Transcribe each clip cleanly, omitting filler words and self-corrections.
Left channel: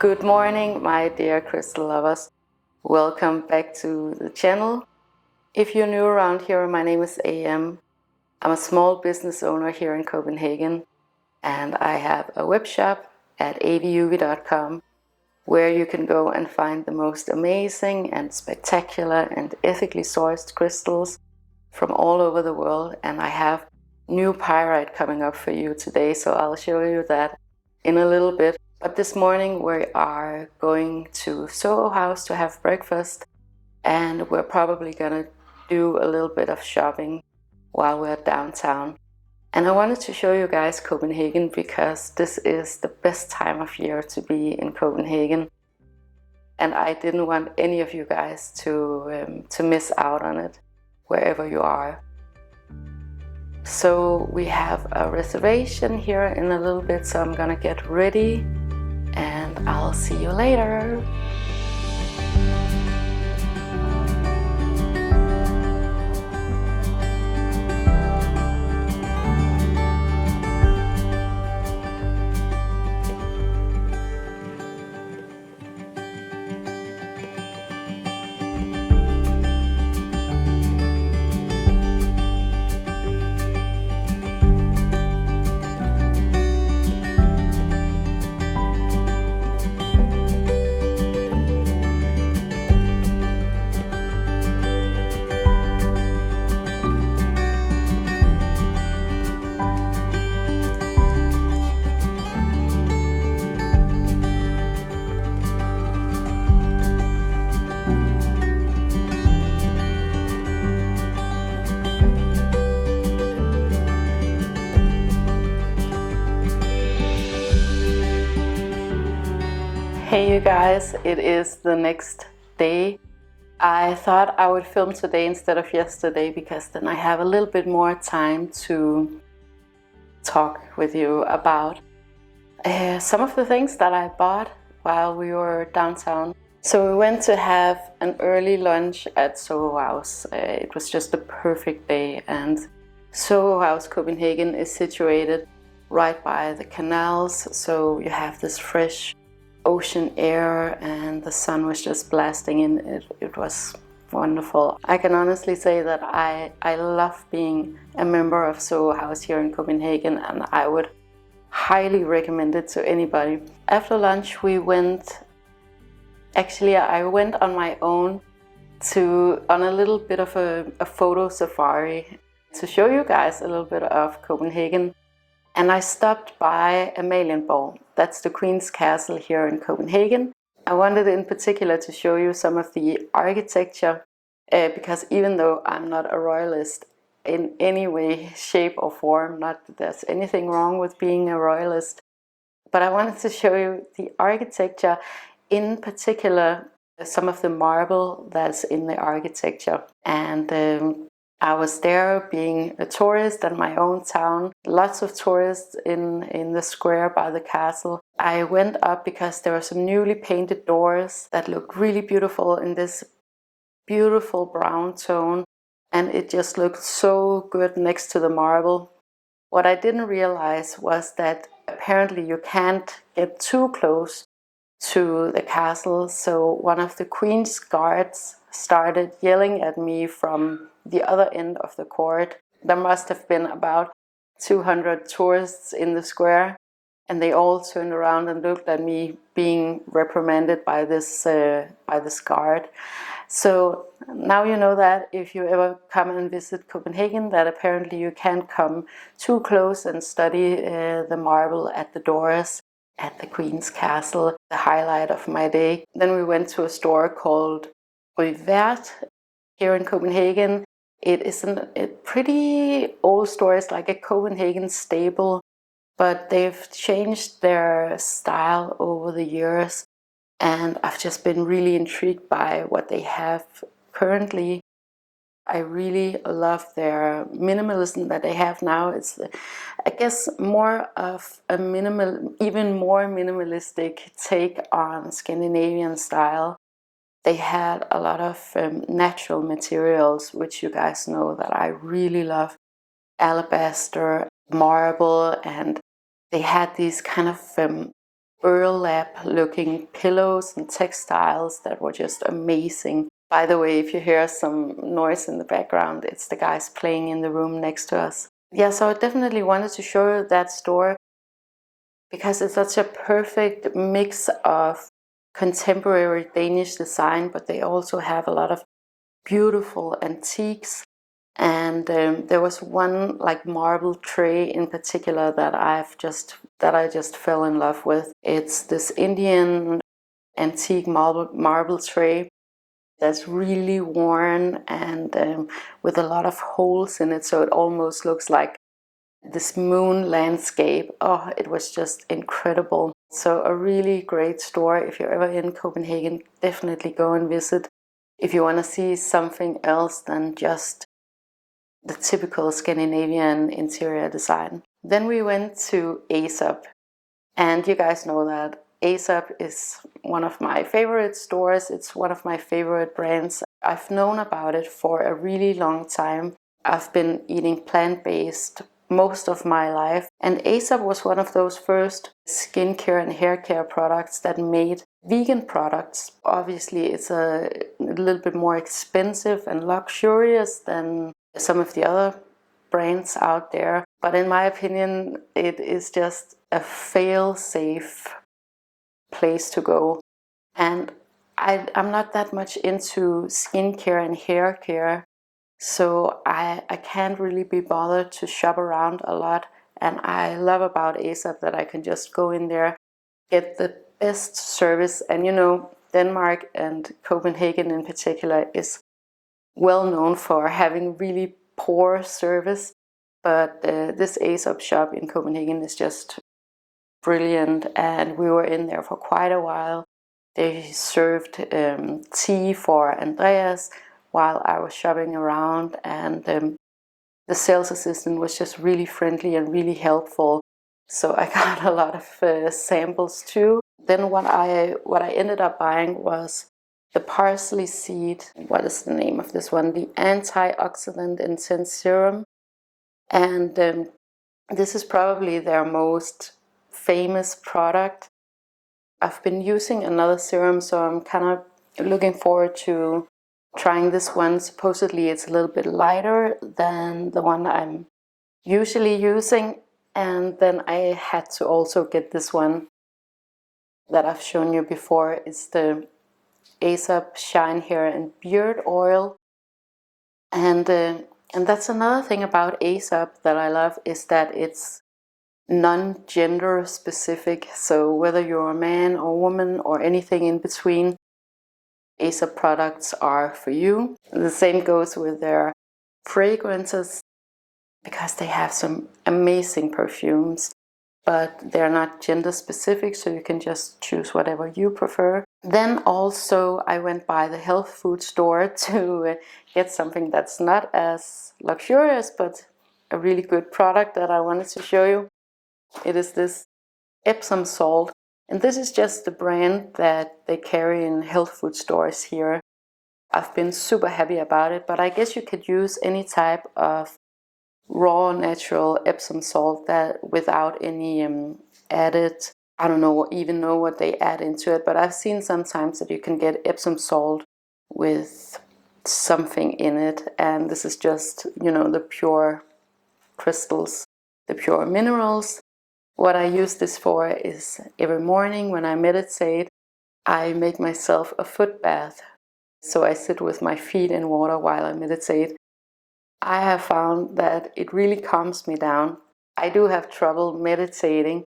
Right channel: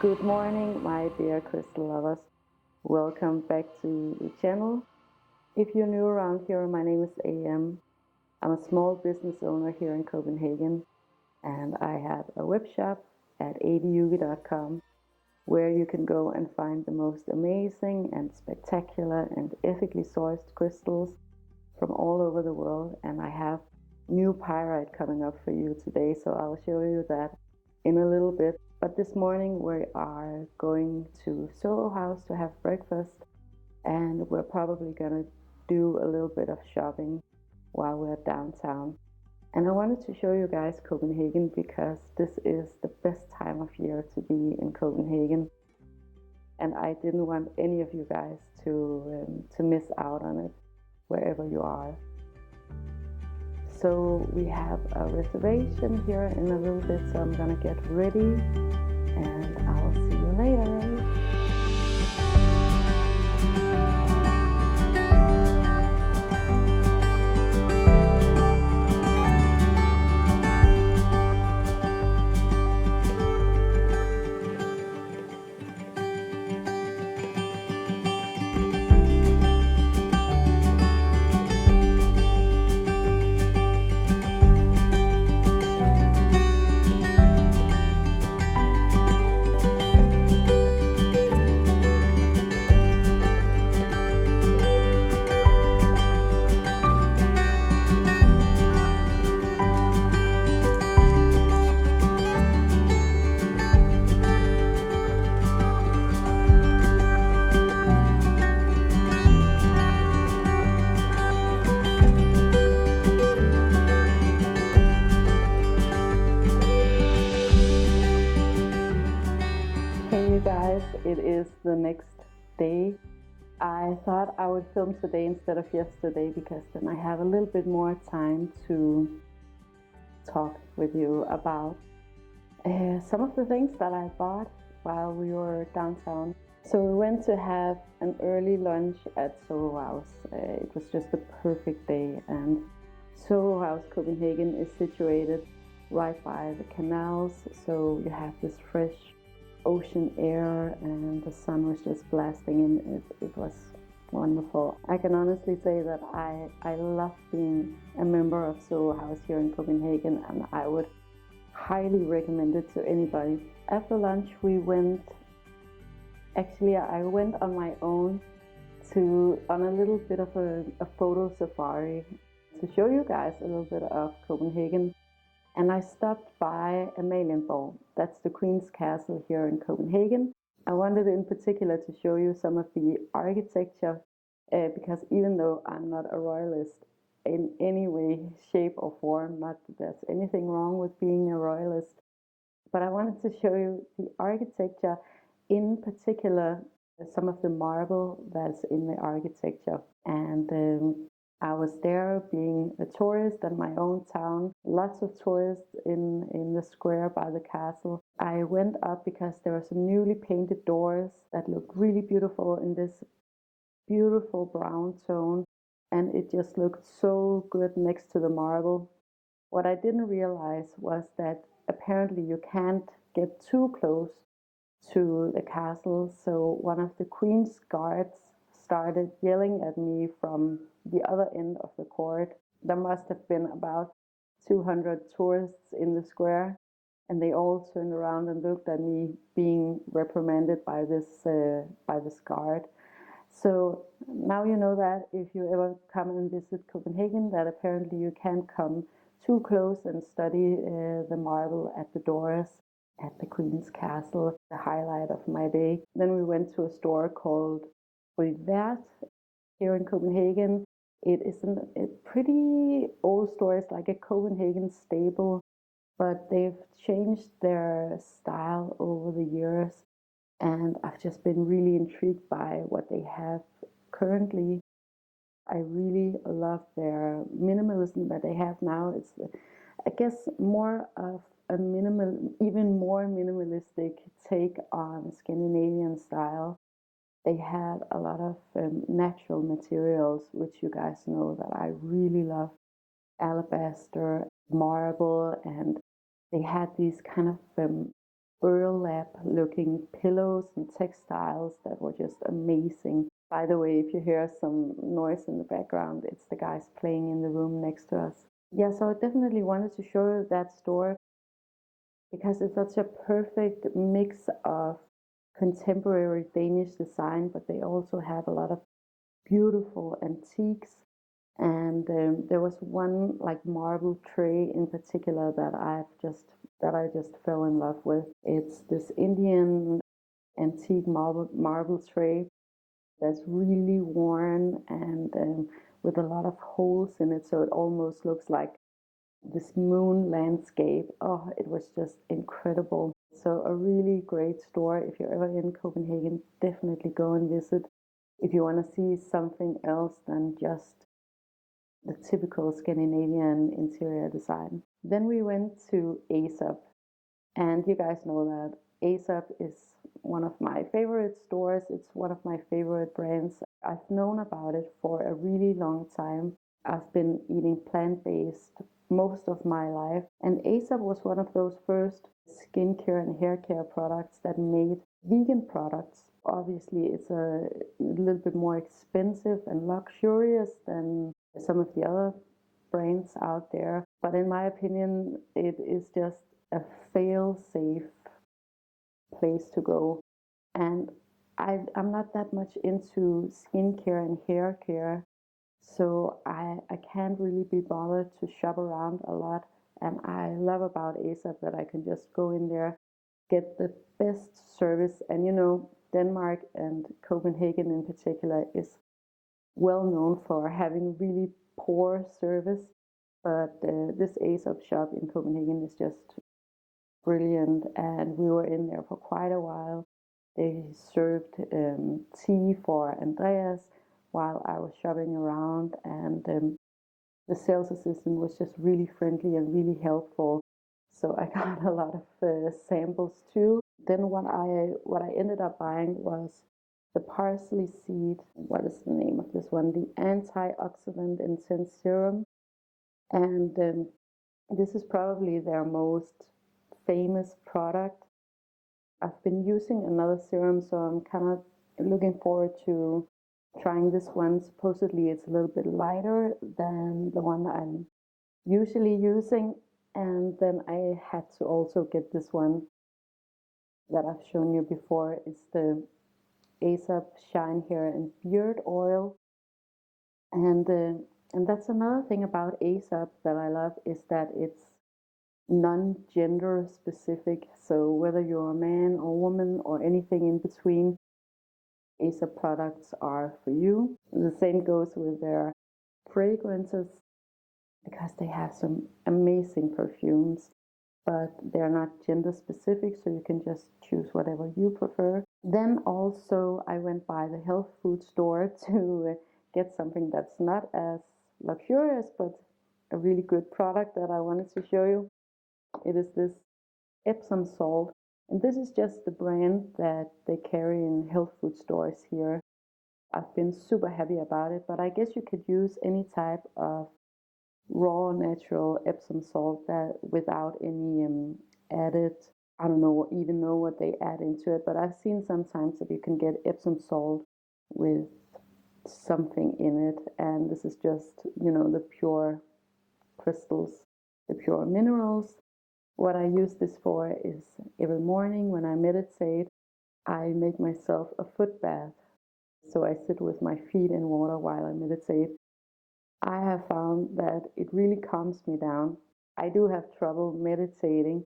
Good morning, my dear crystal lovers. Welcome back to the channel. If you're new around here, my name is Hjem. I'm a small business owner here in Copenhagen, and I have a web shop at aviuvi.com where you can go and find the most amazing and spectacular and ethically sourced crystals from all over the world. And I have new pyrite coming up for you today, so I'll show you that in a little bit. But this morning we are going to Soho House to have breakfast, and we're probably gonna do a little bit of shopping while we're downtown. And I wanted to show you guys Copenhagen because this is the best time of year to be in Copenhagen, and I didn't want any of you guys to miss out on it wherever you are. So we have a reservation here in a little bit, so I'm gonna get ready and I'll see you later. Hey you guys, it is the next day. I thought I would film today instead of yesterday because then I have a little bit more time to talk with you about some of the things that I bought while we were downtown. So we went to have an early lunch at Soho House. It was just a perfect day, and Soho House, Copenhagen, is situated right by the canals, so you have this fresh ocean air and the sun was just blasting in. It was wonderful. I can honestly say that I love being a member of Soho House here in Copenhagen, and I would highly recommend it to anybody. After lunch I went on my own on a little bit of a photo safari to show you guys a little bit of Copenhagen. And I stopped by Amalienborg. That's the Queen's Castle here in Copenhagen. I wanted in particular to show you some of the architecture because even though I'm not a royalist in any way, shape or form, not that there's anything wrong with being a royalist, but I wanted to show you the architecture, in particular some of the marble that's in the architecture. And I was there being a tourist in my own town, lots of tourists in the square by the castle. I went up because there were some newly painted doors that looked really beautiful in this beautiful brown tone, and it just looked so good next to the marble. What I didn't realize was that apparently you can't get too close to the castle, so one of the Queen's guards started yelling at me from the other end of the court. There must have been about 200 tourists in the square, and they all turned around and looked at me being reprimanded by this guard. So now you know that if you ever come and visit Copenhagen, that apparently you can't come too close and study the marble at the doors at the Queen's Castle, the highlight of my day. Then we went to a store called Rue Verte here in Copenhagen. It is a pretty old store. It's like a Copenhagen staple, but they've changed their style over the years, and I've just been really intrigued by what they have currently. I really love their minimalism that they have now. It's, I guess, more of a even more minimalistic take on Scandinavian style. They had a lot of natural materials, which you guys know that I really love. Alabaster, marble, and they had these kind of burlap looking pillows and textiles that were just amazing. By the way, if you hear some noise in the background, it's the guys playing in the room next to us. Yeah, so I definitely wanted to show you that store because it's such a perfect mix of contemporary Danish design, but they also have a lot of beautiful antiques. And there was one like marble tray in particular that I just fell in love with. It's this Indian antique marble tray that's really worn and with a lot of holes in it, so it almost looks like this moon landscape. Oh, it was just incredible. So a really great store. If you're ever in Copenhagen, definitely go and visit. If you want to see something else than just the typical Scandinavian interior design. Then we went to Aesop, and you guys know that Aesop is one of my favorite stores. It's one of my favorite brands. I've known about it for a really long time. I've been eating plant-based most of my life, and Aesop was one of those first skincare and hair care products that made vegan products. Obviously, it's a little bit more expensive and luxurious than some of the other brands out there, but in my opinion, it is just a fail-safe place to go. And I'm not that much into skincare and hair care, so I can't really be bothered to shop around a lot. And I love about Aesop that I can just go in there, get the best service. And you know, Denmark and Copenhagen in particular is well known for having really poor service, but this Aesop shop in Copenhagen is just brilliant, and we were in there for quite a while. They served tea for Andreas while I was shopping around, and the sales assistant was just really friendly and really helpful. So I got a lot of samples too. Then what I ended up buying was the Parsley seed. What is the name of this one? The Anti-Oxidant Intense Serum. And this is probably their most famous product. I've been using another serum, so I'm kind of looking forward to trying this one. Supposedly it's a little bit lighter than the one I'm usually using. And then I had to also get this one that I've shown you before. It's the Aesop Shine Hair and Beard Oil. And that's another thing about Aesop that I love, is that it's non-gender specific. So whether you're a man or woman or anything in between, Aesop products are for you. The same goes with their fragrances, because they have some amazing perfumes, but they're not gender specific, so you can just choose whatever you prefer. Then also I went by the health food store to get something that's not as luxurious, but a really good product that I wanted to show you. It is this Epsom salt, and this is just the brand that they carry in health food stores here. I've been super happy about it, but I guess you could use any type of raw natural Epsom salt that without any added, I don't know even know what they add into it, but I've seen sometimes that you can get Epsom salt with something in it, and this is just, you know, the pure crystals, the pure minerals. What I use this for is every morning when I meditate, I make myself a foot bath. So I sit with my feet in water while I meditate. I have found that it really calms me down. I do have trouble meditating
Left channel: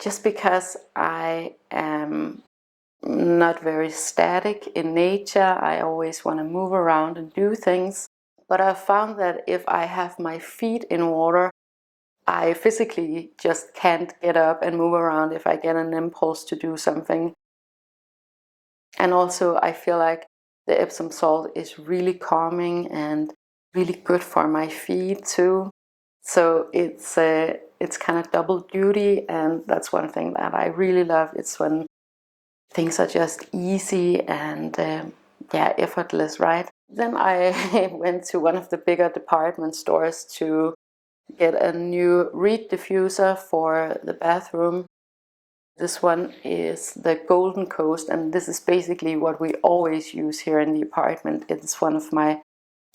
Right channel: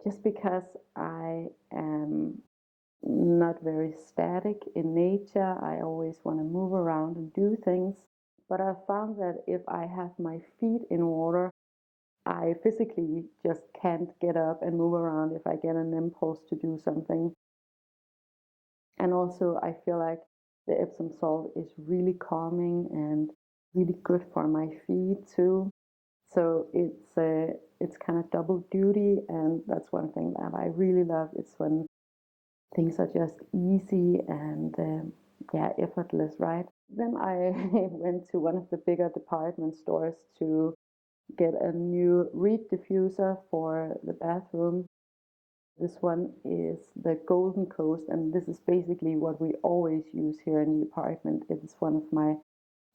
just because I am not very static in nature. I always want to move around and do things. But I've found that if I have my feet in water, I physically just can't get up and move around if I get an impulse to do something. And also I feel like the Epsom salt is really calming and really good for my feet too. So it's kind of double duty, and that's one thing that I really love. It's when things are just easy and effortless, right? Then I went to one of the bigger department stores to get a new reed diffuser for the bathroom. This one is the Golden Coast, and this is basically what we always use here in the apartment. It's one of my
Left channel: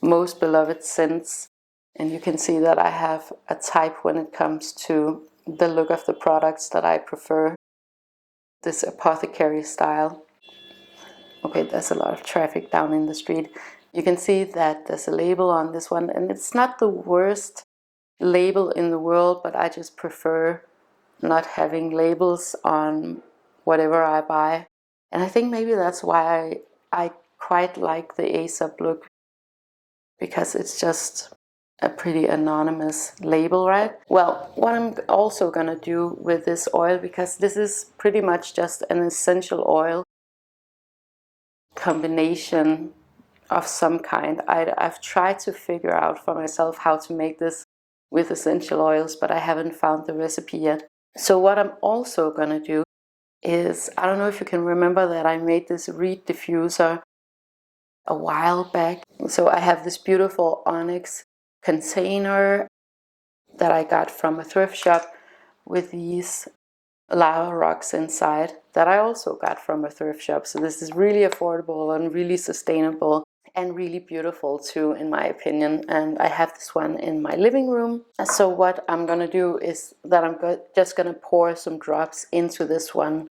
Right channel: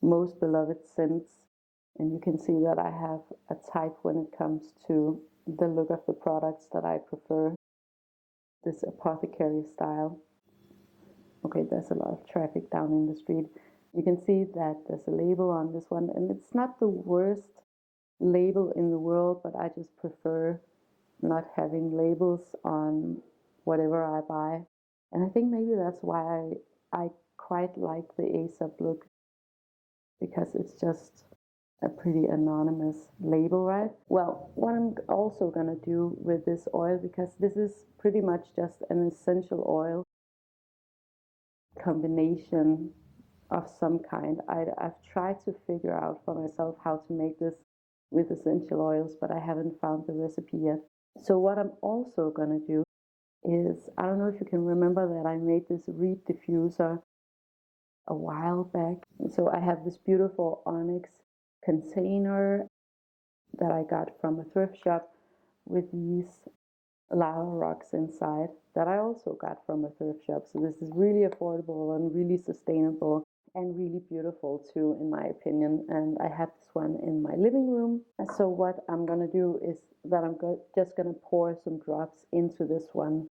most beloved scents, and you can see that I have a type when it comes to the look of the products that I prefer. This apothecary style. Okay, there's a lot of traffic down in the street. You can see that there's a label on this one, and it's not the worst label in the world, but I just prefer not having labels on whatever I buy. And I think maybe that's why I quite like the Aesop look, because it's just a pretty anonymous label, right? Well, what I'm also gonna do with this oil, because this is pretty much just an essential oil combination of some kind. I've tried to figure out for myself how to make this with essential oils, but I haven't found the recipe yet. So what I'm also gonna do is, I don't know if you can remember that I made this reed diffuser a while back. So I have this beautiful onyx container that I got from a thrift shop with these lava rocks inside that I also got from a thrift shop. So this is really affordable and really sustainable and really beautiful too, in my opinion. And I have this one in my living room. So what I'm gonna do is that I'm just gonna pour some drops into this one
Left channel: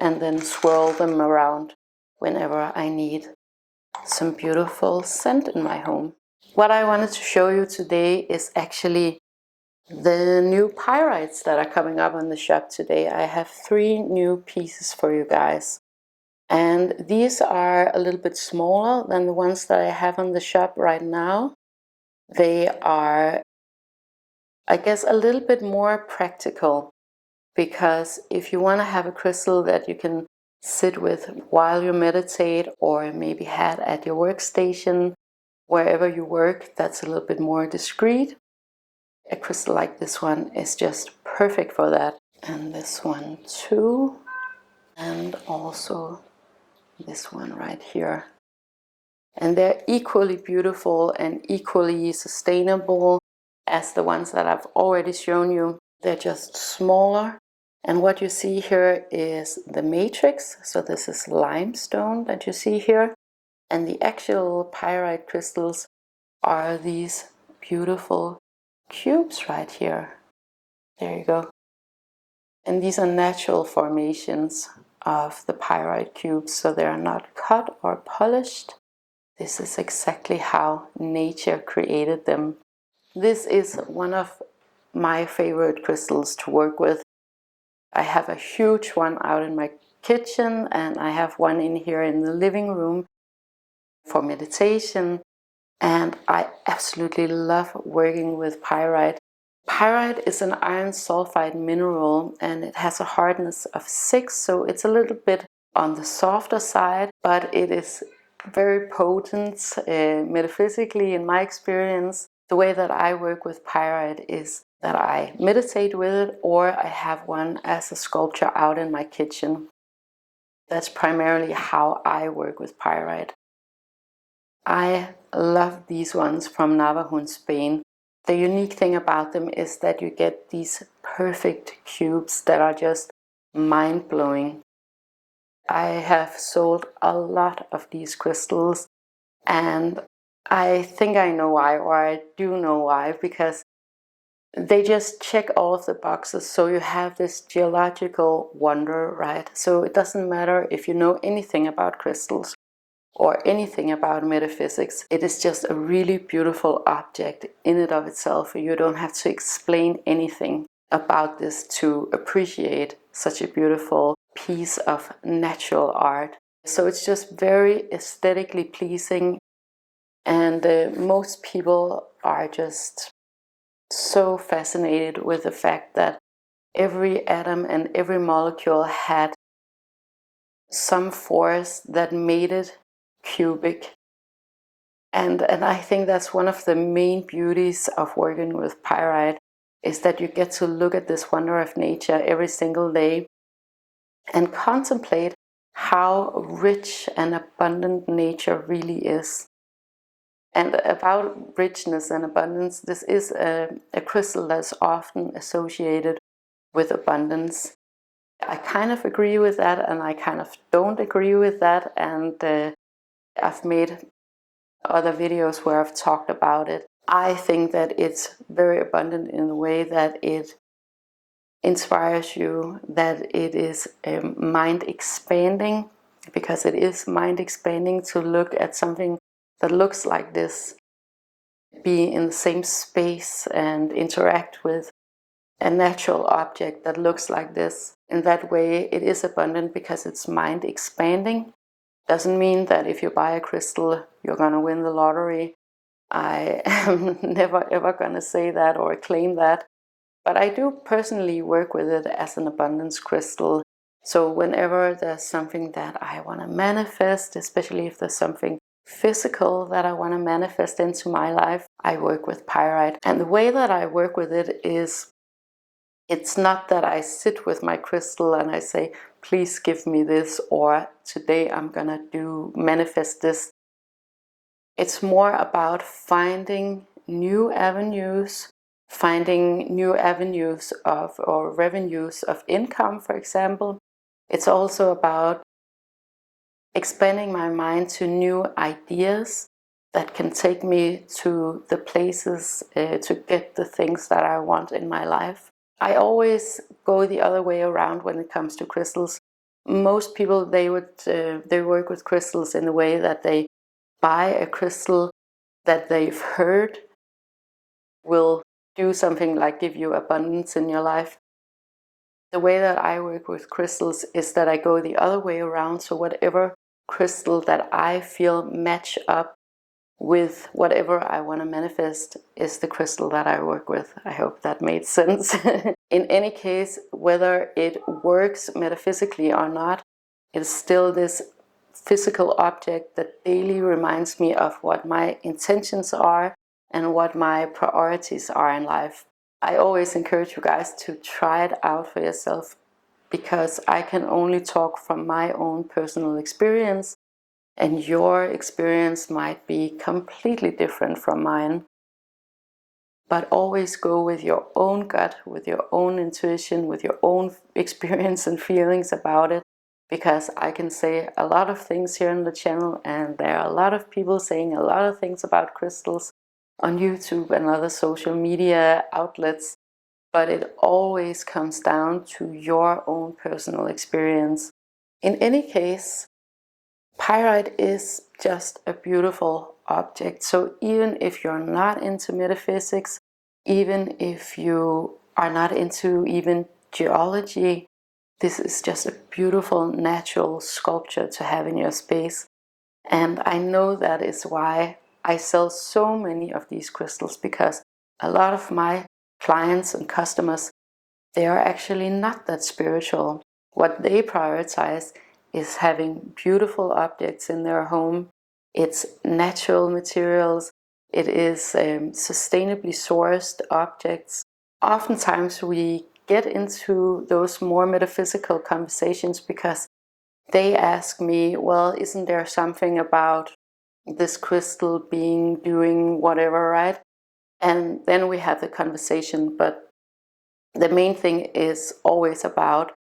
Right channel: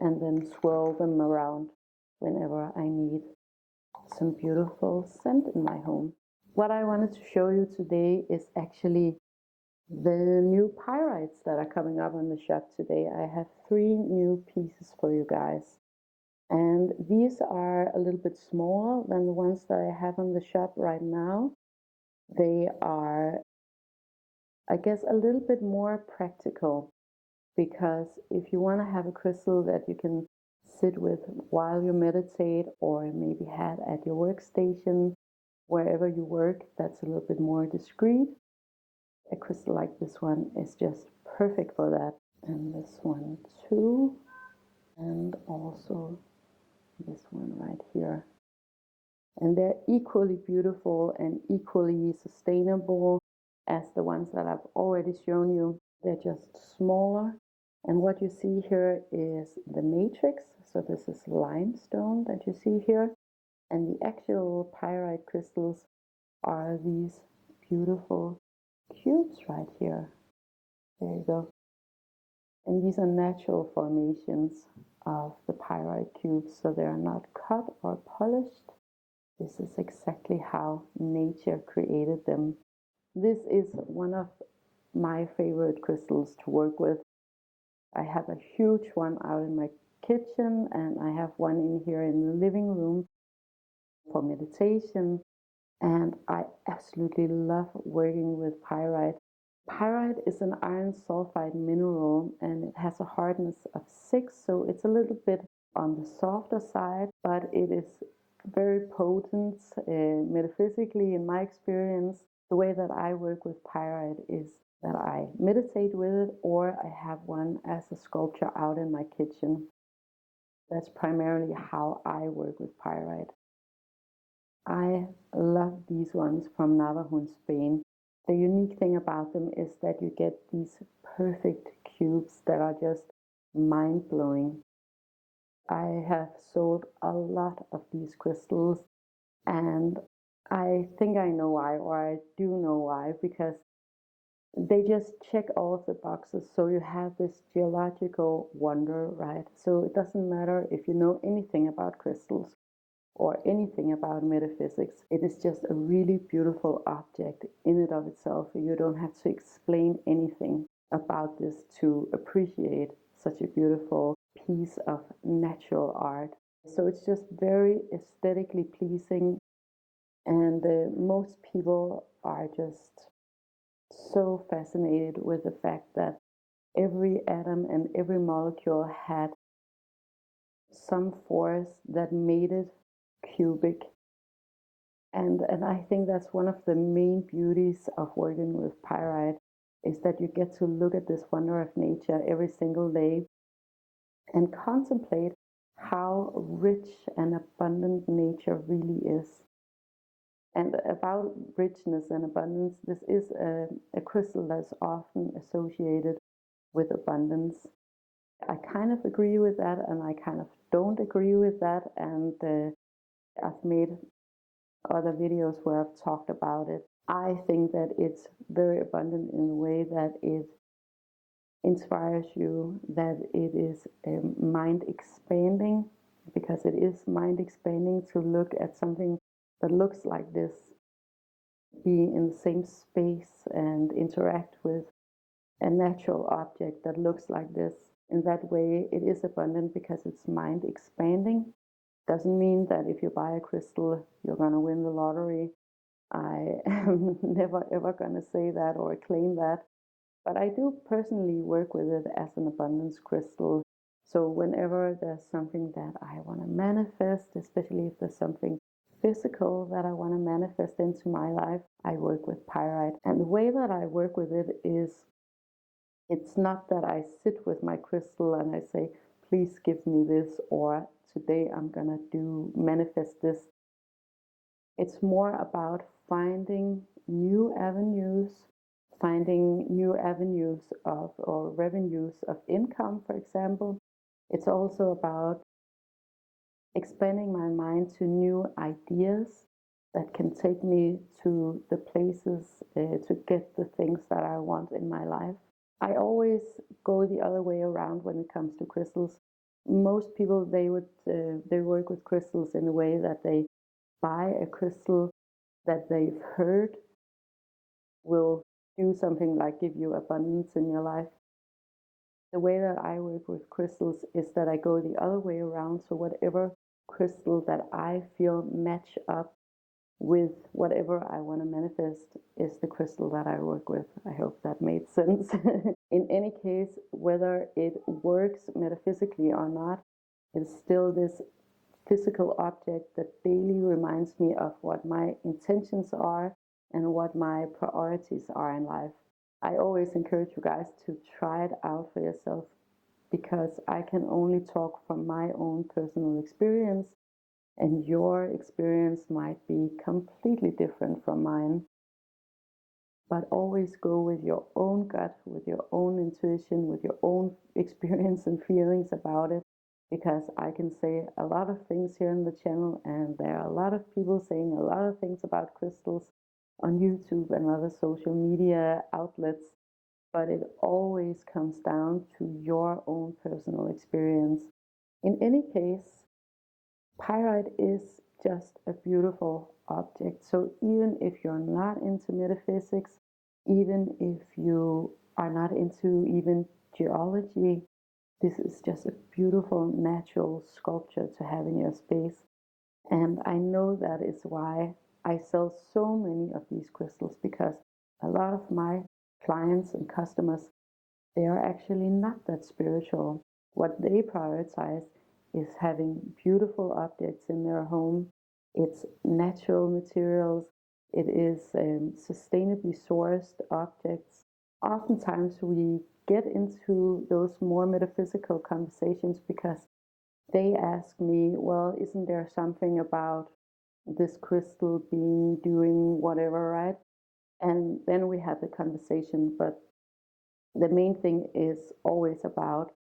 and then swirl them around whenever I need some beautiful scent in my home. What I wanted to show you today is actually the new Pyrites that are coming up on the shop today. I have 3 new pieces for you guys. And these are a little bit smaller than the ones that I have on the shop right now. They are, I guess, a little bit more practical, because if you want to have a crystal that you can sit with while you meditate, or maybe have at your workstation, wherever you work, that's a little bit more discreet, a crystal like this one is just perfect for that. And this one too, and also this one right here. And they're equally beautiful and equally sustainable as the ones that I've already shown you. They're just smaller. And what you see here is the matrix. So this is limestone that you see here. And the actual pyrite crystals are these beautiful cubes right here. There you go. And these are natural formations of the pyrite cubes, so they are not cut or polished. This is exactly how nature created them. This is one of my favorite crystals to work with. I have a huge one out in my kitchen, and I have one in here in the living room for meditation. And I absolutely love working with pyrite. Pyrite is an iron sulfide mineral, and it has a hardness of 6, so it's a little bit on the softer side, but it is very potent metaphysically, in my experience. The way that I work with pyrite is that I meditate with it, or I have one as a sculpture out in my kitchen. That's primarily how I work with pyrite. I love these ones from Navajo in Spain. The unique thing about them is that you get these perfect cubes that are just mind-blowing. I have sold a lot of these crystals, and I think I know why, or I do know why, because they just check all of the boxes. So you have this geological wonder, right? So it doesn't matter if you know anything about crystals or anything about metaphysics. It is just a really beautiful object in and of itself. You don't have to explain anything about this to appreciate such a beautiful piece of natural art. So it's just very aesthetically pleasing, and most people are just so fascinated with the fact that every atom and every molecule had some force that made it cubic. And I think that's one of the main beauties of working with pyrite, is that you get to look at this wonder of nature every single day and contemplate how rich and abundant nature really is. And about richness and abundance, this is a crystal that's often associated with abundance. I kind of agree with that, and I kind of don't agree with that, and I've made other videos where I've talked about it. I think that it's very abundant in the way that it inspires you, that it is mind expanding, because it is mind expanding to look at something that looks like this, be in the same space and interact with a natural object that looks like this. In that way, it is abundant because it's mind expanding. Doesn't mean that if you buy a crystal, you're going to win the lottery. I am never ever going to say that or claim that. But I do personally work with it as an abundance crystal. So whenever there's something that I want to manifest, especially if there's something physical that I want to manifest into my life, I work with pyrite. And the way that I work with it is, it's not that I sit with my crystal and I say, please give me this, or today I'm gonna manifest this. It's more about finding new avenues of, or revenues of income, for example. It's also about expanding my mind to new ideas that can take me to the places to get the things that I want in my life. I always go the other way around when it comes to crystals. Most people, they work with crystals in the way that they buy a crystal that they've heard will do something like give you abundance in your life. The way that I work with crystals is that I go the other way around. So whatever crystal that I feel match up with whatever I want to manifest is the crystal that I work with. I hope that made sense. In any case, whether it works metaphysically or not, it's still this physical object that daily reminds me of what my intentions are and what my priorities are in life. I always encourage you guys to try it out for yourself, because I can only talk from my own personal experience, and your experience might be completely different from mine. But always go with your own gut, with your own intuition, with your own experience and feelings about it. Because I can say a lot of things here on the channel, and there are a lot of people saying a lot of things about crystals on YouTube and other social media outlets. But it always comes down to your own personal experience. In any case, pyrite is just a beautiful object. So even if you're not into metaphysics, even if you are not into even geology, this is just a beautiful natural sculpture to have in your space. And I know that is why I sell so many of these crystals, because a lot of my clients and customers, they are actually not that spiritual. What they prioritize is having beautiful objects in their home. It's natural materials. It is sustainably sourced objects. Oftentimes we get into those more metaphysical conversations because they ask me, well, isn't there something about this crystal being doing whatever, right? And then we have the conversation, but the main thing is always about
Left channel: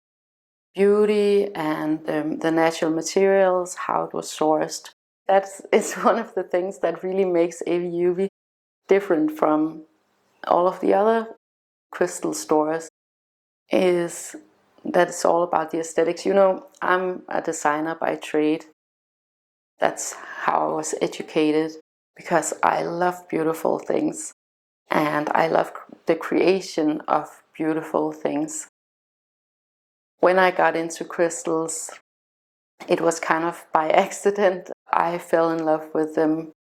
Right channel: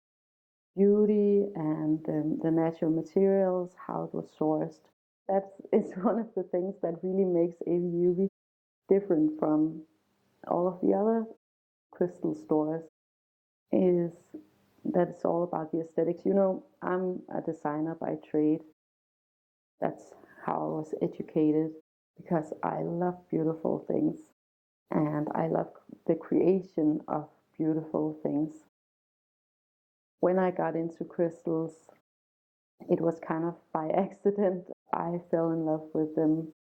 beauty and the natural materials, how it was sourced. That is one of the things that really makes Aviuvi different from all of the other crystal stores, is that it's all about the aesthetics. You know, I'm a designer by trade. That's how I was educated, because I love beautiful things and I love the creation of beautiful things. When I got into crystals, it was kind of by accident. I fell in love with them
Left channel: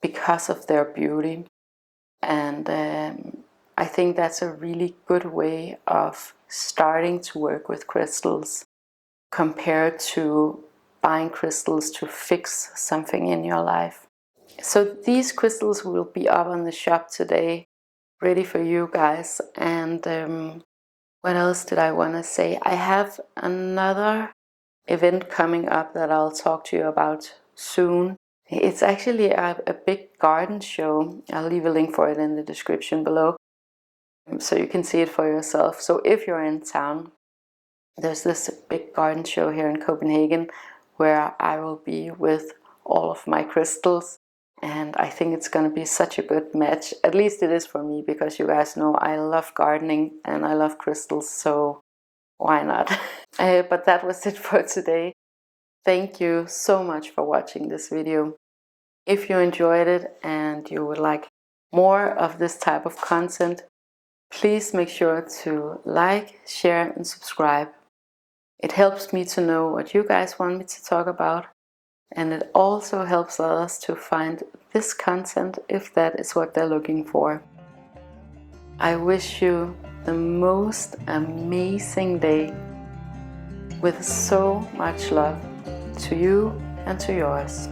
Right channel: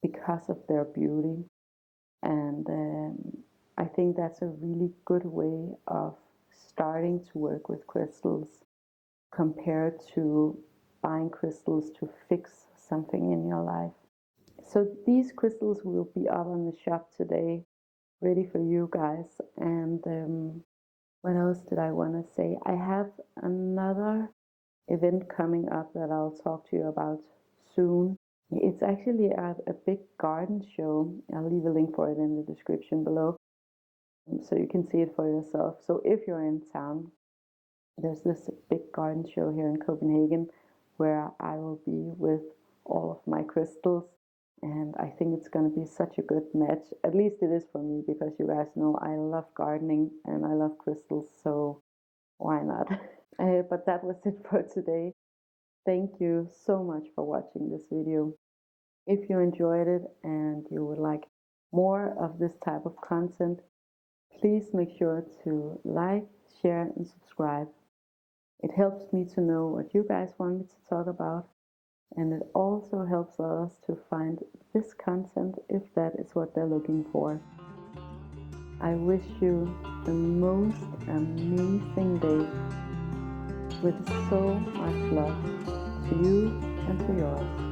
because of their beauty. And I think that's a really good way of starting to work with crystals compared to buying crystals to fix something in your life. So these crystals will be up on the shop today, ready for you guys. And what else did I want to say? I have another event coming up that I'll talk to you about soon. It's actually a big garden show. I'll leave a link for it in the description below so you can see it for yourself. So if you're in town, There's this big garden show here in Copenhagen where I will be with all of my crystals, and I think it's going to be such a good match. At least it is for me, because you guys know I love gardening and I love crystals, so why not? But that was it for today. Thank you so much for watching this video. If you enjoyed it and you would like more of this type of content, please make sure to like, share and subscribe. It helps me to know what you guys want me to talk about, and it also helps others to find this content if that is what they're looking for. I wish you the most amazing day with so much love to you and to yours.